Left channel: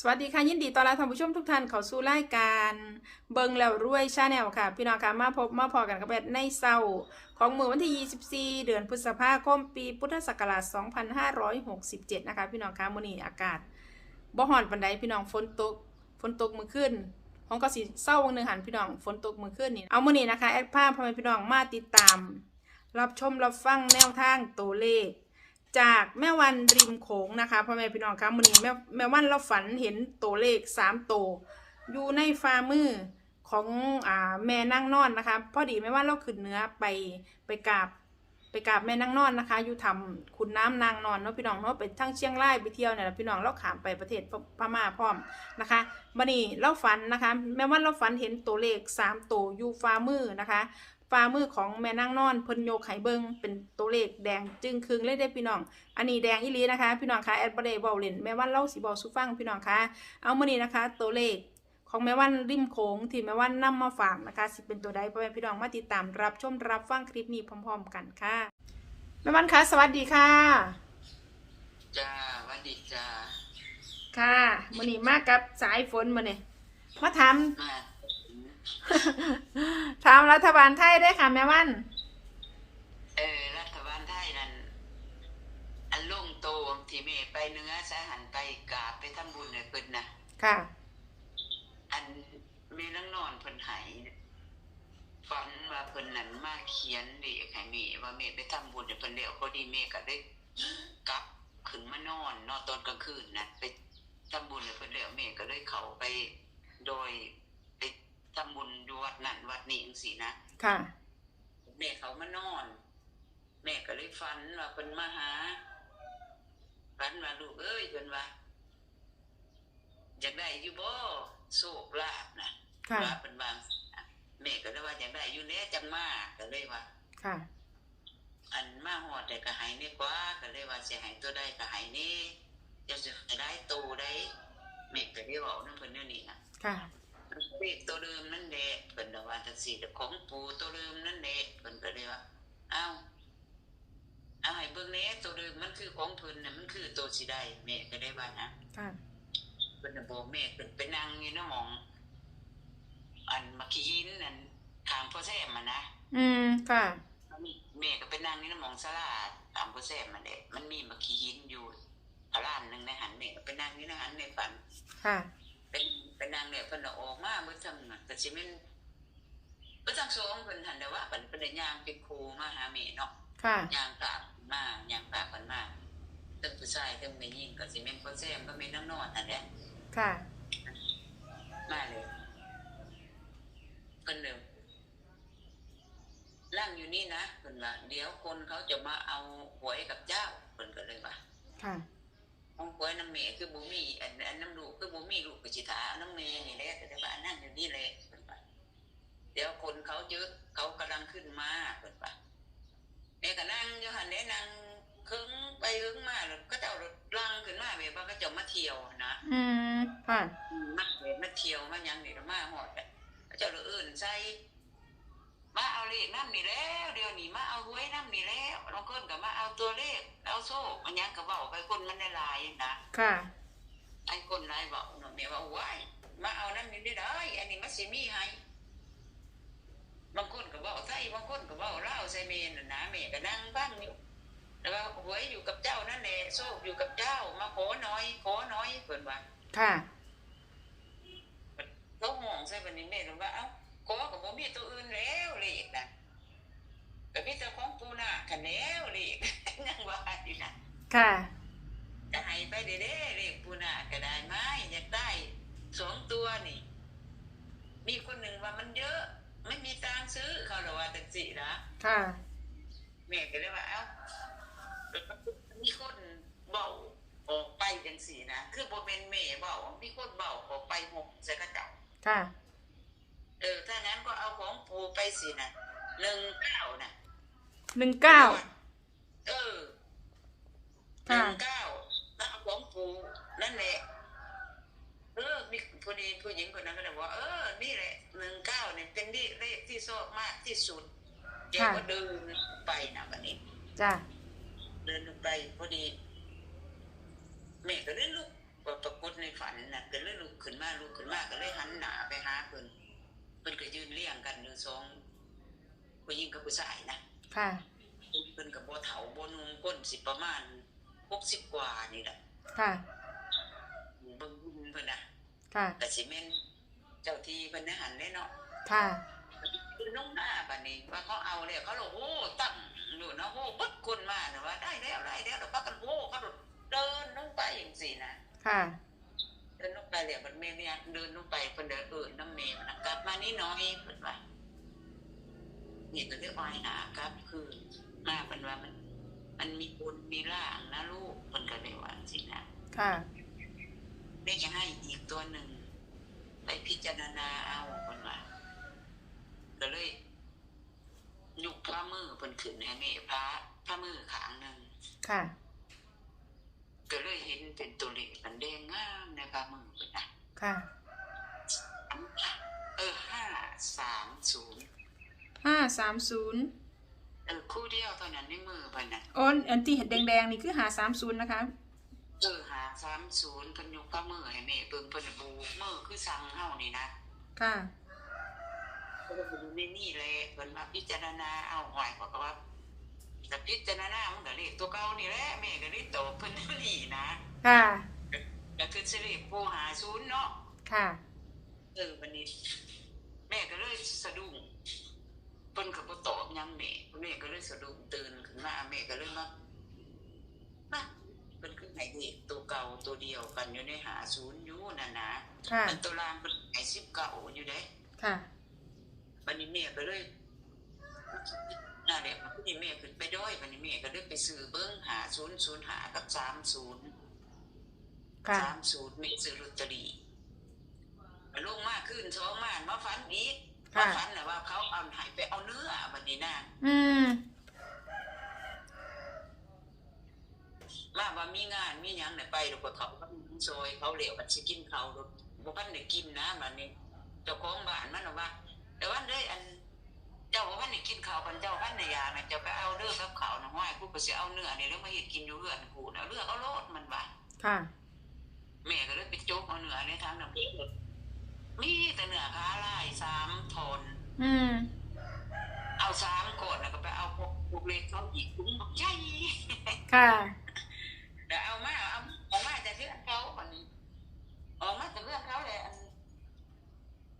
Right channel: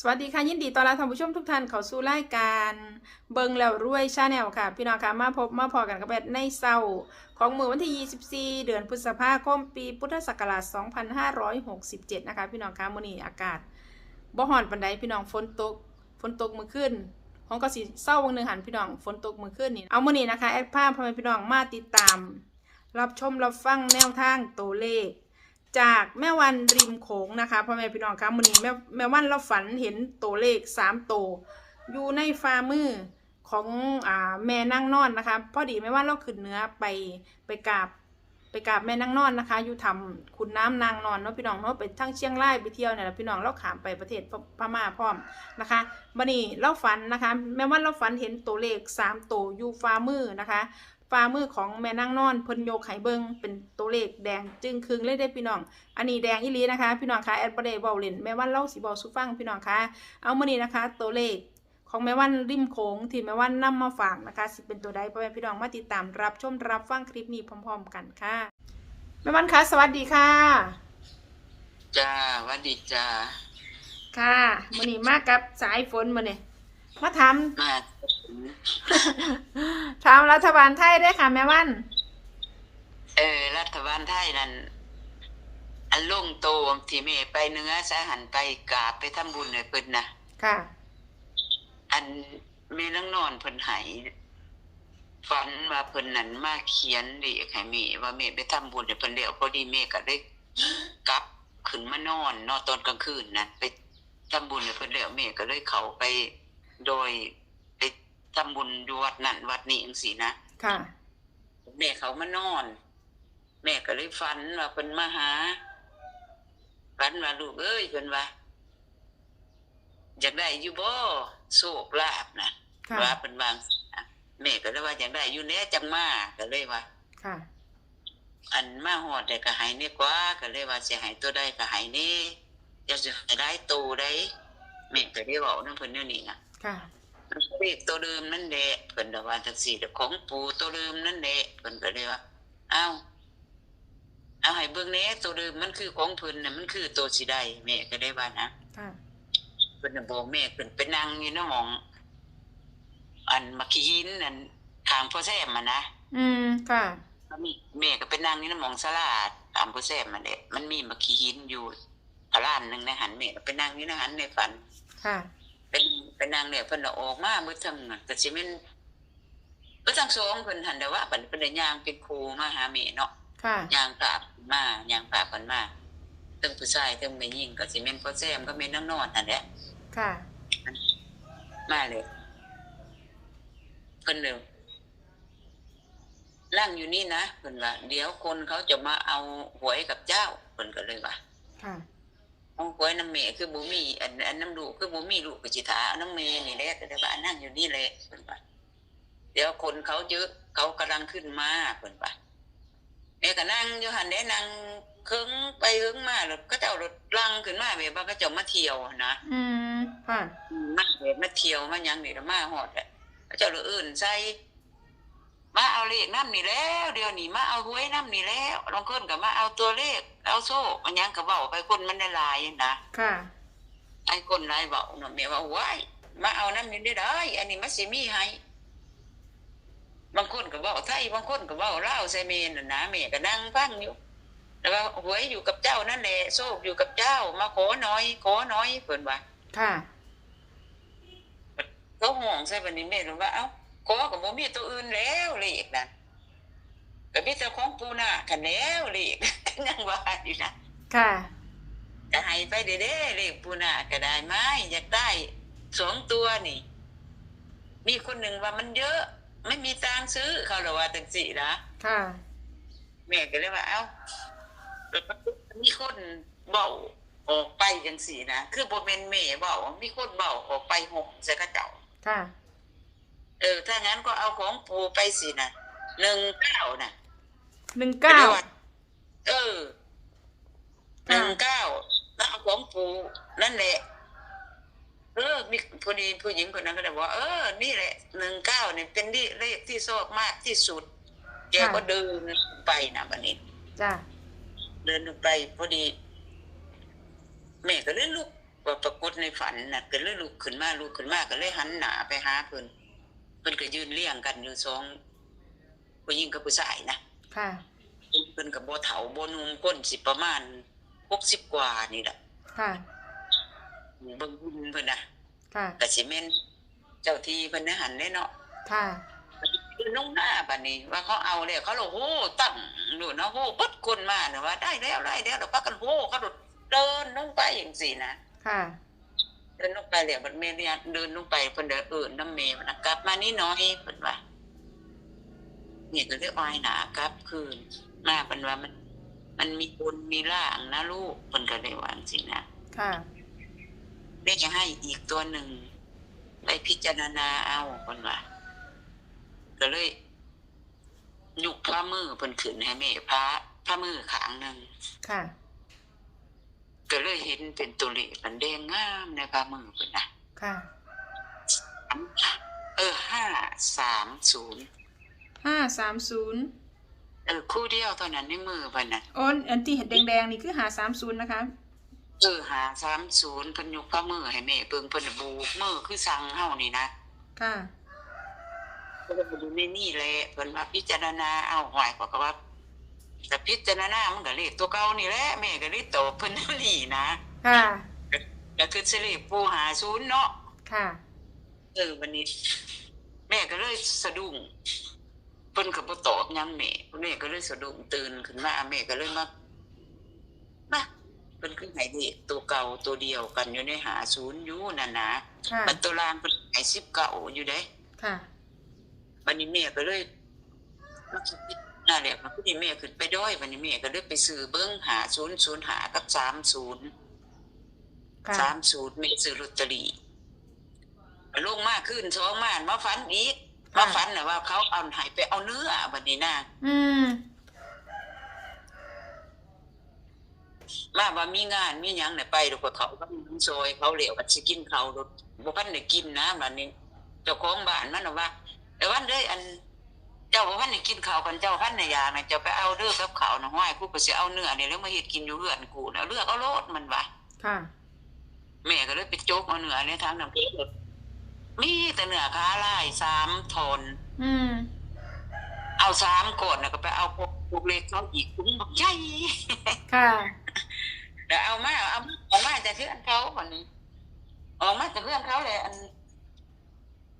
สวัสดีค่ะ ยินดีต้อนรับท่านผู้ชมทุกท่านเข้าสู่รายการเบิงแล้วรวยชาแนลค่ะ พี่น้องค่ะมาพบมาพอกันกับแบดในเศร้าของมือวันที่ 24 เดือนพฤษภาคมปีพุทธศักราช 2567 นะคะ พี่น้องค่ะมื้อนี้อากาศบ่ฮ้อนปานใดพี่น้องฝนตกฝนตกมื้อคืนของก็สิเศร้าวังหนึงหันพี่น้องฝนตกมื้อคืนนี่เอามื้อนี้นะคะแอดภาพพ่อแม่พี่น้องมาติดตาม รับชมรับฟังแนวทางตัวเลข จากแม่วันริมโขงนะคะพ่อแม่พี่น้องคะมื้อนี้แม่แม่วันเราฝันเห็นตัวเลขสามตัวอยู่ในฝ่ามือของอ่าแม่นั่งนอนนะคะพอดีแม่วันเราขึ้นเนื้อไปไปกราบไปกราบแม่นั่งนอนนะคะอยู่ทำคุณน้ำนางนอนเนาะพี่น้องเนาะไปทั้งเชียงรายไปเที่ยวเนี่ยแหละพี่น้องเราขามไปประเทศพพม่าพร้อมนะคะบัดนี้เราฝันนะคะ แม่วันเราฝันเห็นตัวเลขสามตัวอยู่ฝ่ามือนะคะ ฝ่ามือของแม่นั่งนอนเพิ่นโยกไห้เบิงเป็นตัวเลขแดงจึงครึงเลยได้อพี่น้อง อันนี้แดงอีหลีนะคะ พี่น้องคะแอดบเดย์บอลเลนแม่วันเล่าสีบอลสุฟังพี่น้องคะเอามานี่นะคะ ตัวเลขของแม่วันริมโขงที่แม่วันนำมาฝากนะคะ สิเป็นตัวใดพ่อแม่พี่น้องมาติดตามรับชมรับฟังคลิปนี้พร้อม ๆ กันค่ะแม่วันคะสวัสดีค่ะจ้าหวัดดีจ้าค่ะมื้อนี้มากับสายฝนมื้อนี้มาถามมา ถามรัฐบาลไทยได้อค่ะแม่วัน เออ รัฐบาลไทยนั่นอันลงโตมที่แม่ไปเหนื้อสาหันไปกราบไปทำบุญให้เพิ่นนะค่ะ อันแม่นังนอนเพิ่นไหฝันว่าเพิ่นนั่นมาเขียนเรียกให้แม่ว่าแม่ไปทำบุญให้เพิ่นแล้วพอดีแม่ก็ได้กลับขึ้นมานอนเนอนตอนกลางคืนนะไปทำบุญให้เพิ่นแล้วแม่ก็เลยเข้าไปโดยไป ทำบุญอยู่วัดนั่นวัดนี้จังซี่นะค่ะ แม่เขามานอน แม่ก็เลยฝันว่าเพิ่นมาหาฝันว่าลูกเอ้ยเพิ่นว่าอยากได้อยู่บ่โชคลาภนะค่ะ ว่าเพิ่นวาจังซี้นะแม่ก็เลยว่าอยากได้อยู่แน่จังมาก็เลยว่า ค่ะ อันมาฮอดได้ก็ให้นี่กว่าก็เลยว่าสิให้ตัวใดก็ให้นี่จะสิให้ได้โตได้แม่ก็ได้เว้านำเพิ่นแนวนี้น่ะ ค่ะ เลขตัวเดิมนั่นแหละเพิ่นก็ว่าจังซี่แต่ของปู่ตัวเดิมนั่นแหละเพิ่นก็เลยว่าอ้าวเอาให้เบิ่งแหน่ตัวเดิมมันคือของเพิ่นน่ะมันคือตัวสิได้แม่ก็ได้ว่านะค่ะเพิ่นน่ะบอกแม่เพิ่นไปนั่งอยู่ในหมอง อันมักขี้หินนั่นข้างพ่อแซมมันนะอืมค่ะแม่ก็ไปนั่งอยู่ในหมองสลาดตามพ่อแซมมันแหละมันมีมักขี้หินอยู่ร้านหนึงในหันแม่ก็ไปนั่งอยู่ในหันในฝันค่ะ เป็นเป็นนางเนี่ยเพิ่นน่ะออกมาเมื่อทั้งน่ะก็สิแม่นเมื่อทั้งสองเพิ่นหันแต่ว่าเพิ่นเป็นได้ย่างเป็นครูมาหาแม่เนาะค่ะย่างกราบมาย่างกราบเพิ่นมาทั้งผู้ชายทั้งแม่หญิงก็สิแม่นพ่อแซมก็แม่นนางนอนนั่นแหละค่ะ มาเลยเพิ่นเด้อนั่งอยู่นี่นะเพิ่นว่าเดี๋ยวคนเขาจะมาเอาหวยกับเจ้าเพิ่นก็เลยว่าค่ะ เอาหวยน้ำเมคือบ่มีอันอันน้ำลูกคือบ่มีลูกก็สิถาเอาน้ำเมนี่แหละก็ได้ว่านั่งอยู่นี่แหละเพิ่นว่าเดี๋ยวคนเขาเยอะเขากำลังขึ้นมาเพิ่นว่าแม่ก็นั่งอยู่หั่นได้นั่งเครึ่งไปเครึ่งมาแล้วก็เจ้ารถลังขึ้นมาแบบว่าก็เจ้ามาเที่ยวนะอืมค่ะมาแบบมาเที่ยวมาหยังนี่ละมาฮอดแหละก็เจ้าเลยเอื่นใส่ มาเอาเลขน้ำนี่แล้ว เดี๋ยวนี้มาเอาหวยน้ำนี่แล้วบางคนก็มาเอาตัวเลขเอาโซ่มันหยังก็เว้าไปคนมันได้หลายนะค่ะ ไอ้คนไรบอกเนาะแม่ว่าว้ายมาเอาน้ำนี่ได้ได้อันนี้มันสิมีให้บางคนก็บอกไทยบางคนก็บอกลาวใส่เมนน่ะนะแม่ก็นั่งฟังอยู่แล้วก็หวยอยู่กับเจ้านั่นแหละโชคอยู่กับเจ้า มาขอน้อยขอน้อยเพิ่นว่าค่ะเขาห่วงใส่บัดนี้แม่รู้ว่าเอ้า ขอก็บ่มีตัวอื่นแล้วเลขนั่นก็มีแต่ของปูนาคันแล้วเลขยังว่าอยู่นะค่ะจะให้ไปเด้ๆเลขปูนาก็ได้ไหมอยากได้สองตัวนี่ มีคนหนึ่งว่ามันเยอะ ไม่มีตังค์ซื้อเขาเลยว่าจังสี่นะค่ะแม่ก็เลยว่าเอ้ามีคนเบาออกไปจังสี่นะคือบ่เป็นแม่เบามีคนเบาออกไปหกใส่กระเจ้าค่ะ เออ ถ้างั้นก็เอาของปูไปสินะหนึ่งเก้านะหนึ่งเก้าเออหค่ะนึ่งเก้าแล้วเอาของปูนั่นแหละเออมีพอดีผู้หญิงคนนั้นก็เลยบอกว่าเออ นี่แหละหนึ่งเก้าเนี่ยเป็นเลขที่ชอบมากที่สุดแกก็เดินไปนะวันนี้จ้ะเดินไปพอดีแม่ก็เลยลุกว่าปรากฏในฝันน่ะก็เลยลุกขึ้นมาลุกขึ้นมาก็เลยหันหน้าไปหาเพิ่นเพิ่นก็ยืนเลี้ยงกันอยู่สองผู้หญิงกับผู้ชายนะค่ะเพิ่นก็บ่เฒ่าบ่หนุ่มก้นสิประมาณ60กว่านี่แหละค่ะเบิ่งหุ่นเพิ่นน่ะค่ะก็สิแม่นเจ้าที่เพิ่นนะหันได้เนาะค่ะคือน้องหน้าบัดนี้ ว่าเขาเอาแล้วเขาโลโหตั้งนู่นนะโหปดคนมาเนี่ยว่าได้แล้วได้แล้วแล้วพักกันโหเขาโดดเดินลงไปอย่างสี่นะค่ะ เดินลงไปแล้วมันเมย์เนี่ยเดินลงไปเพิ่นเดินเอื่นน้ำเมย์มันนะกลับ มานี่น้อยเพิ่นว่าเนี่ยก็เรียกอ้อยหนากลับคืนมาเพิ่นว่ามัน มันมีบุญมีล่างนะลูกเพิ่นก็เลยว่าจังสินะค่ะแม่จะให้อีกตัวหนึ่งไปพิจารณาเอาเพิ่นว่าก็เลยยุกพระมือเพิ่นขึ้นให้แม่พระพระมือขางหนึ่งค่ะ ก็เลยเห็นเป็นตัวเลขมันแดงงามในพระมือเพิ่นนะค่ะ เออห้าสามศูนย์ห้าสามศูนย์เออคู่เดียวเท่านั้นในมือเพิ่นน่ะโอนอันที่เห็นแดงๆนี่คือหาสามศูนย์นะคะเออหาสามศูนย์เพิ่นยกพระมือให้แม่เบิ่งเพิ่นน่ะบูกมือคือสั่งเฮานี่นะค่ะเพิ่นก็อยู่ในนี่แหละเพิ่นว่าพิจารณาเอาหวยกว่าก็ว่า แต่พิจารณามันก็เลขตัวเก่านี่แหละแม่ก็เลยตอบเพิ่นนี่นะค่ะก็คือสิริปูหาศูนย์เนาะค่ะเออวันนี้ แม่ก็เลยสะดุ้งเพิ่นก็บ่ตอบหยังแม่แม่ก็เลยสะดุ้งตื่นขึ้นมาแม่ก็เลยมามาเพิ่นคือให้เด็กตัวเก่าตัวเดียวกันอยู่ในหาศูนย์อยู่นั่นนะค่ะมันตัวรางเพิ่นให้สิบเก่าอยู่เด้ค่ะวันนี้แม่ก็เลย นั่นแหละวันนี้แม่ขึ้นไปด้อยวันนี้แม่ก็เลยไปซื้อเบิ้งหาศูนย์ศูนย์หากับสามศูนย์ค่ะสามศูนย์แม่ซื้อลอตเตอรี่ลงมาขึ้นสองมานมาฝันอีกมาฝันน่ะว่าเขาเอาใหายไปเอาเนื้อวันนี้นะอืมมาว่ามีงานมีหยังเนี่ยไปดูกว่าเขาบ้านซอยเขาเหลวกันสิกินเขารถบ่พันได้กินนะบัดนี้เจ้าของบ้านมันน่ะว่าแต่วันเด้ยอัน เจ้าบ่พันได้กินข้าวกันเจ้าพันในยาน่ะเจ้าไปเอาเด้อกับข้าวน่ะห้อยกูก็สิเอาเนื้อนี่แล้วมาเฮ็ดกินอยู่เรือนกูน่ะเลือกเอาโลดมันว่าค่ะแม่ก็เลยไปโจกเอาเนื้อในทางน้ำพริกมีแต่เนื้อขาลายสามทนอืมเอาสามก่อนแล้วก็ไปเอาพวกพวกเล็กเขาอีกคุ้มบักใหญ่ค่ะเดี๋ยวเอามาเอาเอามาแต่เพื่อนเขาวันนี้ออกมาแต่เพื่อนเขาเลยอัน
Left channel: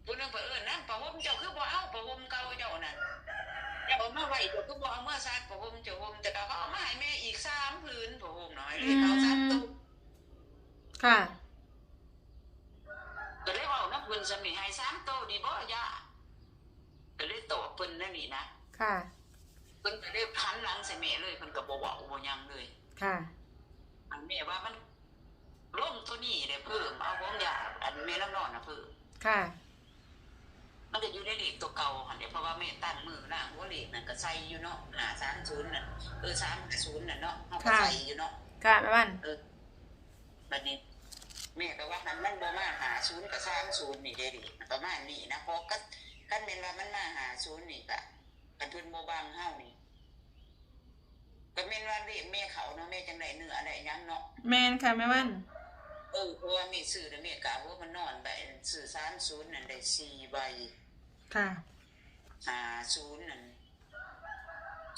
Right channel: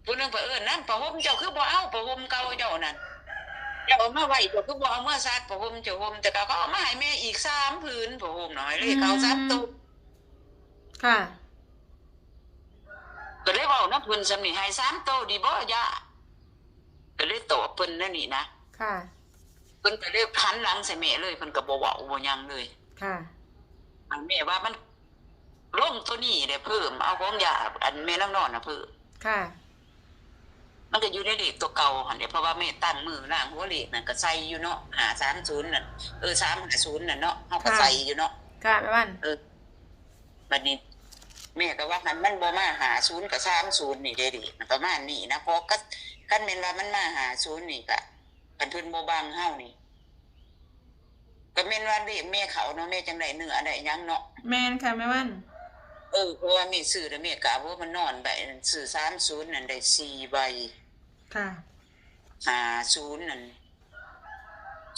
ผู้หนึงเผอิญนั่นประหมเจ้าคือบ่เอาประหมเก่าเจ้านั่นเจ้าเอามาไว้เจ้าคือบ่เอาเมื่อซักประหมเจ้าห่มแต่เขาก็เอามาให้แม่อีกสามผืนประหมหน่อยเลยเขาซัดตุกค่ะก็เลยบอกน้ำพื้นสำนีให้สามโตวดีบ่ย่าก็เลยตอบเพิ่นนั่นนี่นะค่ะเพิ่นก็เลยพันหลังใส่แม่เลยเพิ่นก็บ่เว้าบ่หยังเลย ค่ะอันแม่ว่ามันลงตัวนี้เด้เพิ่มเอาของยาอันแม่น้ำนอนน่ะเพิ่มค่ะ มันก็อยู่ในเลขตัวเก่าหั่นเด้เพราะว่าแม่ตั้งมือล่างหัวเลขนั่นก็ใส่อยู่เนาะ530นั่นเออ350นั่นเนาะเฮาก็ค่ะใส่อยู่เนาะค่ะแม่บ้านเออบัดนี้แม่ก็ว่ามันมันบ่มาหาศูนย์กับสามศูนย์นี่เด้ดิมันประมาณนี้นะเพราะก็คันแม่นว่ามันมาหาศูนย์นี่ก็คันเพิ่นบ่บังเฮานี่ก็แม่นว่าเด็กแม่เขาเนาะแม่จังได๋เนื้อได้หยังเนาะแมนค่ะแม่บ้านเออเพราะว่าแม่ซื้อแล้วแม่กะว่ามันนอนใบซื้อ30นั่นได้4ใบ ค่ะ50นั่น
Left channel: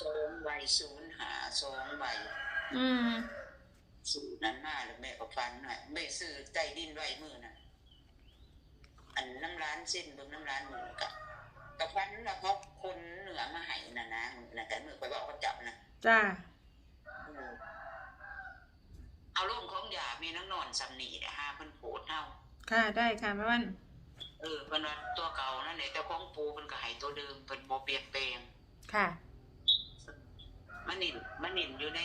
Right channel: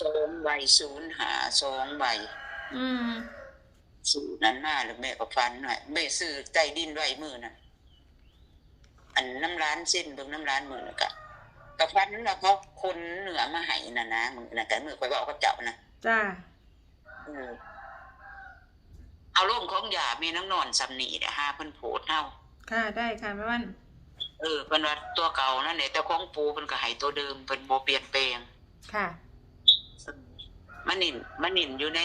สองใบ0หาสองใบอืมซื้อนั้นมาแล้วแม่ก็ฟันหน่อยแม่ซื้อใต้ดินไว้มือน่ะ อันน้ำร้านเส้นเบิ่งน้ำร้านมือน่ะกะกะฟันแล้วเขาคนเหนือมาให้น่ะนะมือน่ะแต่มือไปบอกกับเจ้านะจ้าเออเอาร่มของยามีน้ำนอนสำนีเด้ห้าเพิ่นโพดเฮาค่ะได้ค่ะแม่บ้าน เออเพิ่นว่าตัวเก่านั่นแหละแต่ของปูเพิ่นก็ให้ตัวเดิมเพิ่นบ่เปลี่ยนแปลงค่ะ มันนิ่นมันนิ่นอยู่ใน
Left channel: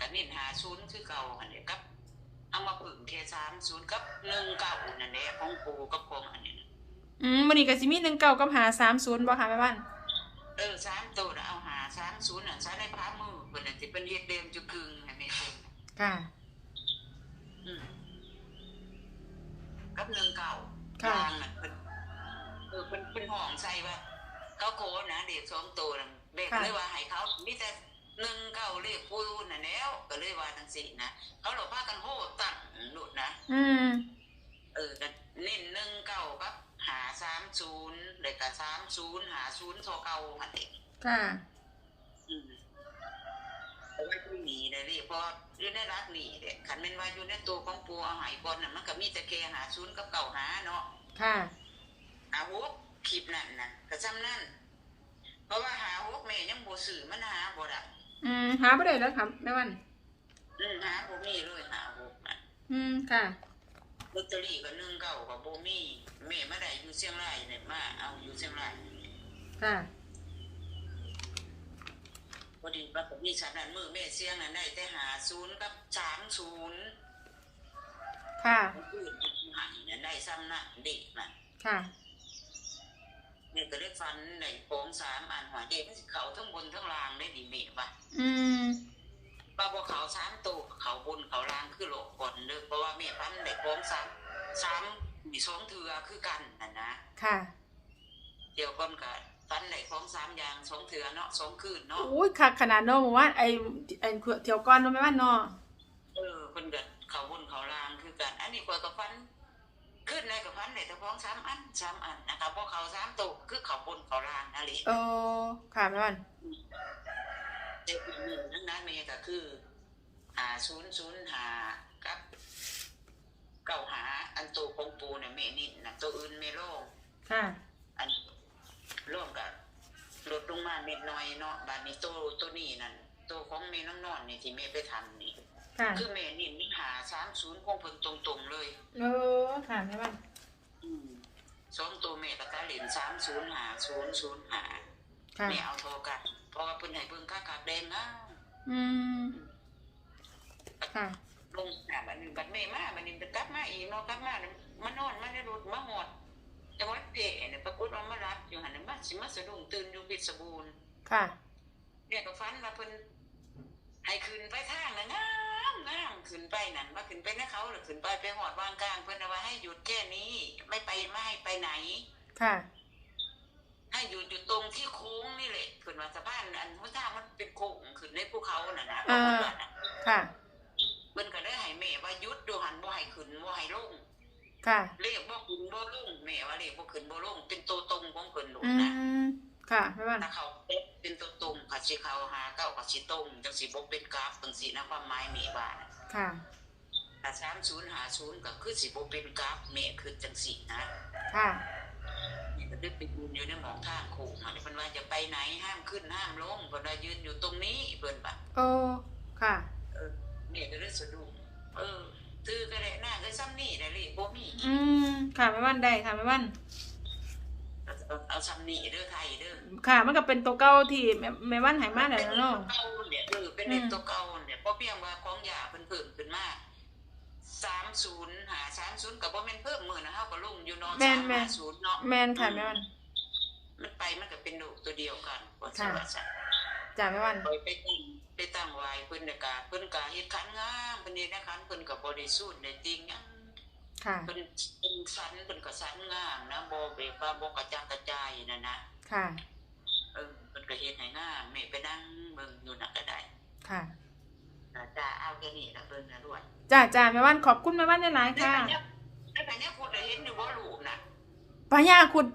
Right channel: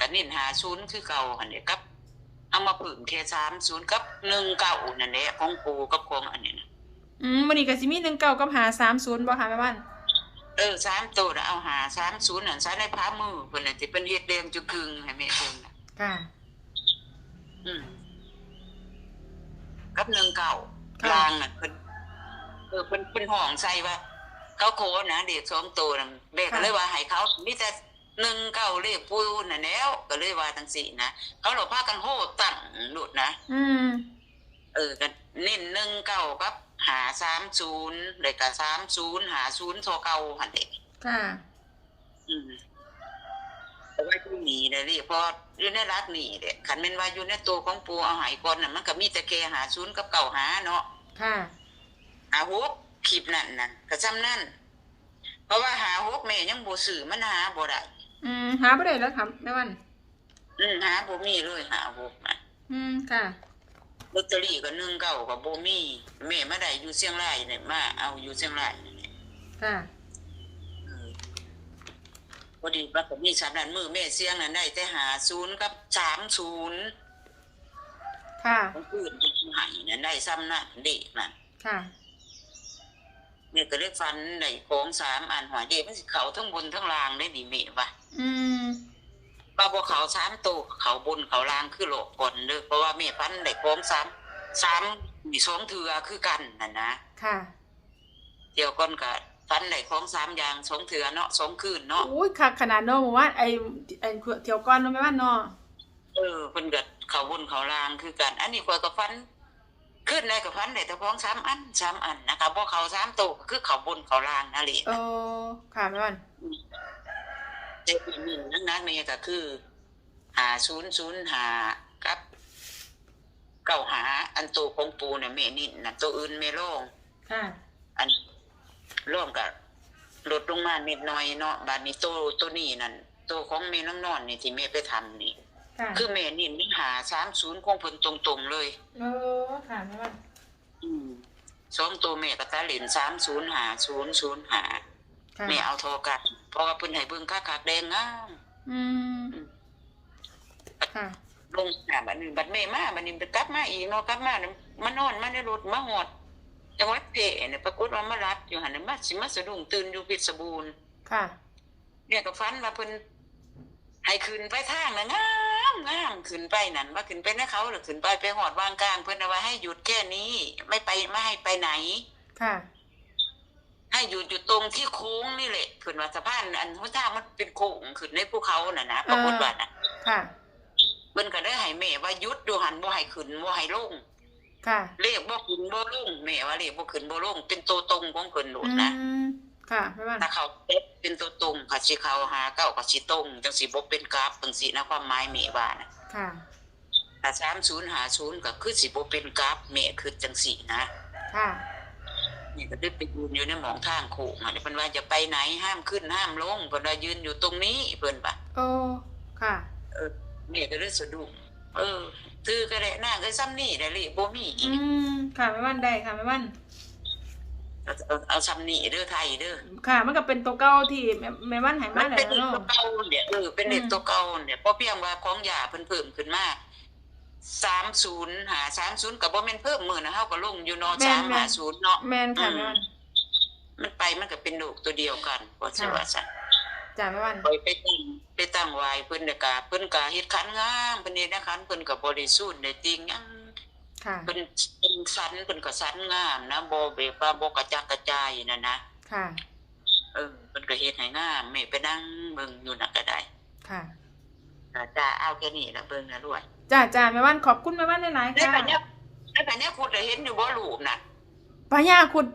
กันนิ่นหาศูนย์คือเก่าอันนี้กับเอามาพึ่งแค่สามศูนย์กับหนึ่งเก่านั่นแหละของปูกับของอันนี้นะอืมวันนี้ก็สิมีหนึ่งเก้ากับหาสามศูนย์บ่ค่ะแม่บ้านเออสามตัวน่ะเอาหาสามศูนย์นั่นใช้ในพามือเพิ่นน่ะสิเป็นเฮ็ดแดงจุกึ่งให้แม่เพิ่นน่ะค่ะ อืมกับหนึ่งเก่า ค่ะ ลางน่ะเพิ่นเออเพิ่นเพิ่นห้องใส่ว่า เขาโคนะเด็กสองตัวน่ะแม่ก็เลยว่าให้เขามีแต่หนึ่งเก้าเลขปูน่ะแล้ว ก็เลยว่าทั้งสี่นะเขาหลบพากันโหตั้งหลุดนะ อืม เออก็เน้นหนึ่งเก้ากับหาสามศูนย์เลยกับสามศูนย์หาศูนย์โทเก้าหันเด็กค่ะ อืมแต่ว่าที่ห นีเลยนี่เพออยู่ในรักหนีเด็กขันเป็นว่าอยู่ในตัวของปูเอาหายก่อนน่ะมันก็มีแต่แค่หาศูนย์กับเก่าหาเนาะค่ะหาฮกคลิปนั่นน่ะก็จำนั่นเพราะว่าหาฮกแม่ยังบ่สื่อมันหาบ่ได้อืมหาบ่ได้แล้วครับแม่วันอืมหาบ่มีเลยหาฮกน่ะอืมค่ะลอตเตอรี่ก็หนึ่งเก้าก็บ่มีแม่มาได้อยู่เชียงรายเนี่ยมาเอาอยู่เชียงรายนี่ค่ะ พอดีว่าก็มีสามนั้นมือแม่เสียงนั้นได้แต่หาศูนย์กับสามศูนย์ค่ะคนอื่นหายนั้นได้ซ้ำนั่นเด็กน่ะค่ะเนี่ยก็เรียกฟันในโค้งสามอันหัวเด็กมันสิเขาทั้งบนทั้งล่างได้ดีเมะวะอืมว่าบ่เขาสามตัวเขาบนเขาล่างคือโลกก่อนเด้อเพราะว่าแม่ฟันในโค้งสามสามมีสองเถือคือกันน่ะนะค่ะเดี๋ยวก่อนก็ ฟันในโค้งสามอย่างสองเถือเนาะสองคืนเนาะอุ้ยคักขนาดเนาะหมู่ว่าไอ้ไอ้เที่ยวก่อนเนาะแม่วันเนาะเออเพิ่นก็เขาบนเขาล่างคือกัน อันนี้ข้อยก็ฟันขึ้นในกับฟันได้แต่พ้องสามอันสามอันนะคะบ่เขาสามตัวก็คือเขาบนเขาล่างนั่นแหละโอ้ค่ะแม่วันในปีนี้นักนักๆเนี่ยก็คือหาศูนย์ศูนย์หากับเก่าหาอันโตวของปูเนี่ยแม่นิดนะตัวอื่นไม่ล่องค่ะอัน ร่วมกับลดลงมานิดหน่อยเนาะบาดนี้ตัวตัวนี้นั่นตัวของแม่น้องนอนนี่ที่แม่ไปทำนี่ ค่ะคือแม่นี่นี่หาสามศูนย์ของเพิ่นตรงๆเลย โอ้ค่ะแม่วันอืมสองตัวแม่ก็ตาเหรียญสามศูนย์หาศูนย์ศูนย์หาค่ะแม่เอาโทรกันเพราะว่าเพิ่นให้เบิ่งค่าคักแดงงาม อืม ค่ะ ลงหาบัดนี้บัดแม่มาบัดนี้ไปกลับมาอีกเนาะกลับมาเนี่ยมานอนมาในรถมาหอด จังหวัดเพเนี่ยปรากฏว่ามารับอยู่หันน่ะมาสิมาสะดุ้งตื่นอยู่เพชรบูรณ์ค่ะ เนี่ยก็ฝันว่าเพิ่นให้ขึ้นไปทางน่ะงามงามขึ้นไปนั่นว่าขึ้นไปนะเขาหรือขึ้นไปไปหอดวางกลางเพิ่นเอาไว้ให้หยุดแค่นี้ ไม่ไปไม่ให้ไปไหน ค่ะ ให้หยุดอยู่ตรงที่โค้งนี่แหละขึ้นว่าสะพานอันหัวทางมันเป็นโค้งขึ้นในภูเขาน่ะนะปรากฏว่าน่ะค่ะเพิ่นก็ได้ให้แม่ว่าหยุดดูหันบ่ให้ขึ้นบ่ให้ลง ค่ะ เลขบ่ขึ้นบ่ลงแม่ว่าเลขบ่ขึ้นบ่ลงเป็นตัวตรงของเพิ่นโดอืดนะมค่ะแม่วันถ้าเขาเป็นตัวตรงก็สิเขาหาเก้าก็สิตรงจังสิบ่เป็นกราฟจังสินะความหมายแม่ว่านะค่ะถ้า30 50ก็คือสิบ่เป็นกราฟแม่คือจังสินะ ค่ะนี่ก็ได้ไปยืนอยู่ในหมองทางโค้งอะเพิ่นว่าจะไปไหนห้ามขึ้นห้ามลงเพิ่นว่ายืนอยู่ตรงนี้เพิ่นว่าโอ้ค่ะ เออแม่ก็เลยสะดุ้งเออ ถือก็ได้นางก็ซ้ำนี่ได้เลขบ่มีอีอืกมค่ะแม่วันได้ค่ะแม่วันเอาเอาเอาซ้ำนี่เด้อไทยเด้อค่ะ มันก็เป็นตัวเก่าที่แม่แม่วันใหายมามันแล้เป็นวเด็กเนาะ ตัวเก่าเนี่ยเออเป็นเด็กตัวเก่าเนี่ยเพราะเพียงว่าของยาเพิ่นเพิ่มขึ้นมาสามศูนย์หาสามศูนย์กับบ่แม่นเพิ่มมือนะเฮาก็ลงอยู่เนาะแม่สานมแม่หานศูนย์เนาะ แมนค่ะแม่วัน มันไปมันก็เป็นลูกตัวเดียวกันว่าสิว่าซะ จ้าแม่วันไปไปตั้งไปตั้งไว้เพิ่นน่ะก็เพิ่นก็เฮ็ดขันงามเพิ่นเฮ็ดนะขันเพิ่นก็บริสุทธิ์ได้จริงหยังค่ะเพิ่นเป็นสันเพิ่นก็สันงามนะบ่แบบว่าบ่กระจัดกระจายนั่นนะค่ะเออเพิ่นก็เฮ็ดให้งามแม่ไปนั่งเบิ่งอยู่น่ะก็ได้ ค่ะอ่าจ้าเอาแค่นี้ละเบิ่งนะด้วยจ้าจ้าแม่วันขอบคุณแม่วันหลายๆในค่ะปัญญาในปัญญาคุณเห็นอยู่บ่รูปน่ะพญาคุด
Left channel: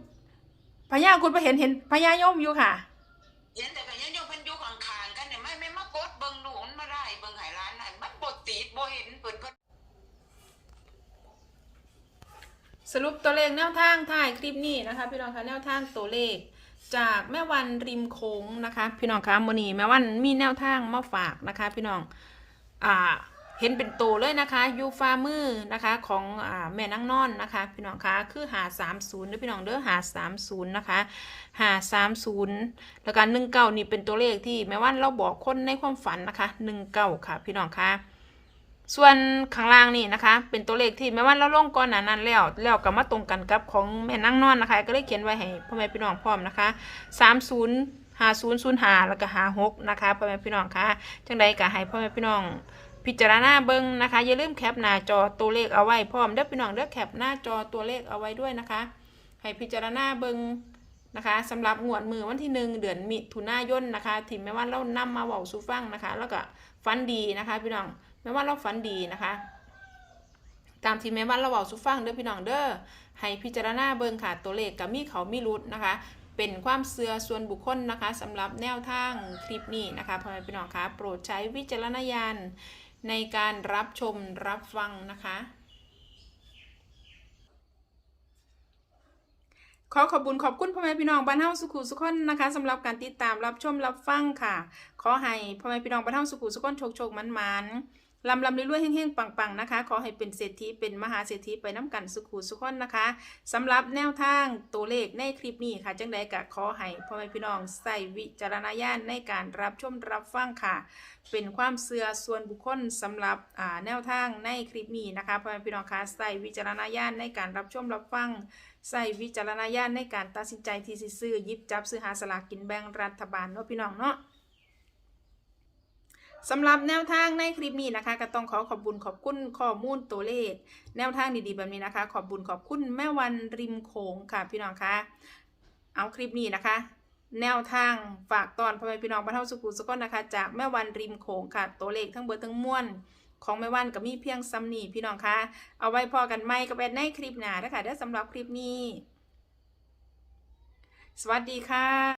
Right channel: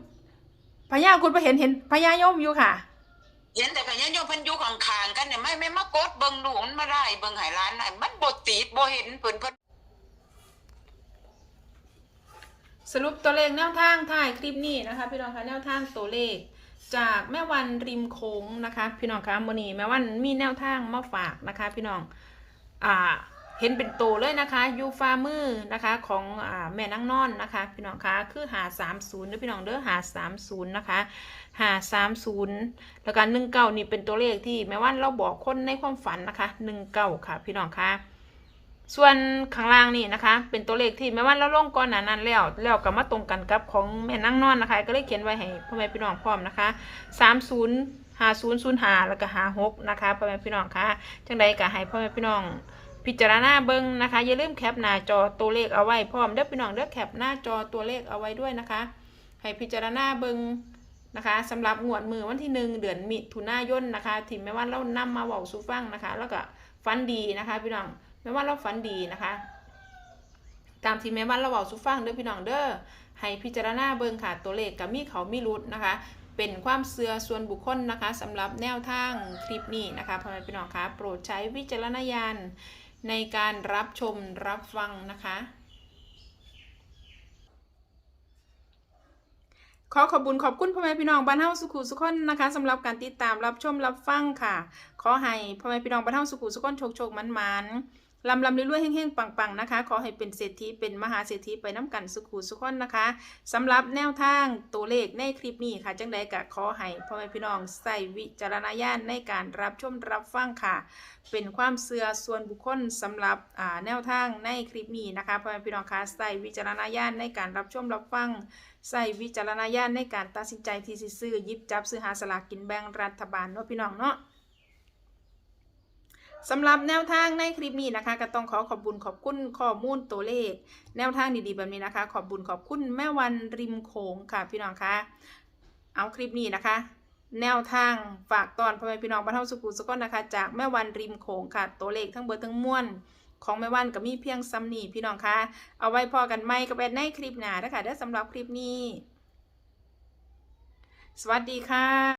พญาคุดไปเห็นเห็นพญายมอยู่ค่ะ เห็นแต่ปัญญาโย มเพิ่นอยู่ข้างกันเนี่ยไม่ไม่มากดเบิ่งหนูมันมาได้เบิ่งหายร้านไหนมันบดตีดบ่เห็นเพิ่นเพิ่นสรุปตัวเลขแนวทางถ่ายคลิปนี้นะคะ พี่น้องคะแนวทางตัวเลข จากแม่วันริมโค้งนะคะ พี่น้องคะมือนีแม่วันมีแนวทางมาฝากนะคะ พี่น้องอ่า เห็นเป็นตัวเลยนะคะยูฟามือนะคะของอแม่นังนอนนะคะพี่น้องคะคือหาสามศูนย์ด้วยพี่น้องเด้อหาสามศูนย์นะคะหาสามศูนย์แล้วก็หนึ่งเก้านี่เป็นตัวเลขที่แม่วันเราบอกคนในความฝันนะคะหนึ่งเก้าค่ะพี่น้องคะส่วนข้างล่างนี่นะคะ เป็นตัวเลขที่แม่ว่าเราลงก่อนหนานั้นแล้วแล้วก็มาตรงกันกับของแม่นั่งนอนนะคะ ก็เลยเขียนไว้ให้พ่อแม่พี่น้องพร้อมนะคะสามศูนย์หาศูนย์ศูนย์หาแล้วก็หาหกนะคะพ่อแม่พี่น้องคะจังใดก็ให้พ่อแม่พี่น้อง พิจารณาเบิ้งนะคะ อย่าลืมแคปหน้าจอตัวเลขเอาไว้พร้อมเด้อพี่น้องเด้อแคปหน้าจอตัวเลขเอาไว้ด้วยนะคะ ให้พิจารณาเบิ้งนะคะสำหรับงวดมือวันที่หนึ่งเดือนมิถุนายนนะคะที่แม่ว่าเรานำมาเว้าสู่ฟังนะคะ แล้วก็ฝันดีนะคะ พี่น้องแม่ว่าเราฝันดีนะคะ ตามที่แม่ว่าเราเว้าสู่ฟังเด้อพี่น้องเด้อให้พิจารณาเบิ่งค่ะตัวเลขกับมีเขามีรุดนะคะ เป็นความเสื่อส่วนบุคคลนะคะสำหรับแนวทางคลิปนี้นะคะพ่อแม่พี่น้องคะโปรดใช้วิจารณญาณ ในการรับชมรับฟังนะคะ ขอขอบคุญขอบคุณพ่อแม่พี่น้องบ้านเฮาสุขุสุขคนนะคะสำหรับการติดตามรับชมรับฟังค่ะ ขอให้พ่อแม่พี่น้องบ้านเฮาสุขุสุขคนโชคโชคมันมัน ลำลำรวยๆเฮงๆปังๆนะคะ ขอให้เป็นเศรษฐีเป็นมหาเศรษฐีไปน้ำกันสุขุสุขคนนะคะสำหรับแนวทางตัวเลขในคลิปนี้ค่ะ จังใดก็ขอให้พ่อแม่พี่น้องใส่วิจารณญาณในการรับชมรับฟังค่ะ เป็นความเสื่อส่วนบุคคลสำหรับอ่าแนวทางในคลิปนี้นะคะพ่อแม่พี่น้องคะใส่วิจารณญาณในการรับชมรับฟังใส่วิจารณญาณในการตัดสินใจที่ซื้อยิบจับซื้อหาสลากกินแบ่งรัฐบาลเนาะพี่น้องเนาะ สำหรับแนวทางในคลิปนี้นะคะ ก็ต้องขอขอบบุญขอบคุณข้อมูลตัวเลข แนวทางดีๆแบบนี้นะคะ ขอบบุญขอบคุณแม่วันริมโขงค่ะพี่น้องคะเอาคลิปนี้นะคะ แนวทางฝากตอนพ่อแม่พี่น้องบ้านเฮาสุขุสุขนนะคะ จากแม่วันริมโขงค่ะตัวเลขทั้งเบิดทั้งมวลของแม่วันก็มีเพียงซ้ำนี่พี่น้องคะเอาไว้พอกันไหมกับแอดในคลิปหน้านะคะเด้อสำหรับคลิปนี้ สวัสดีค่ะ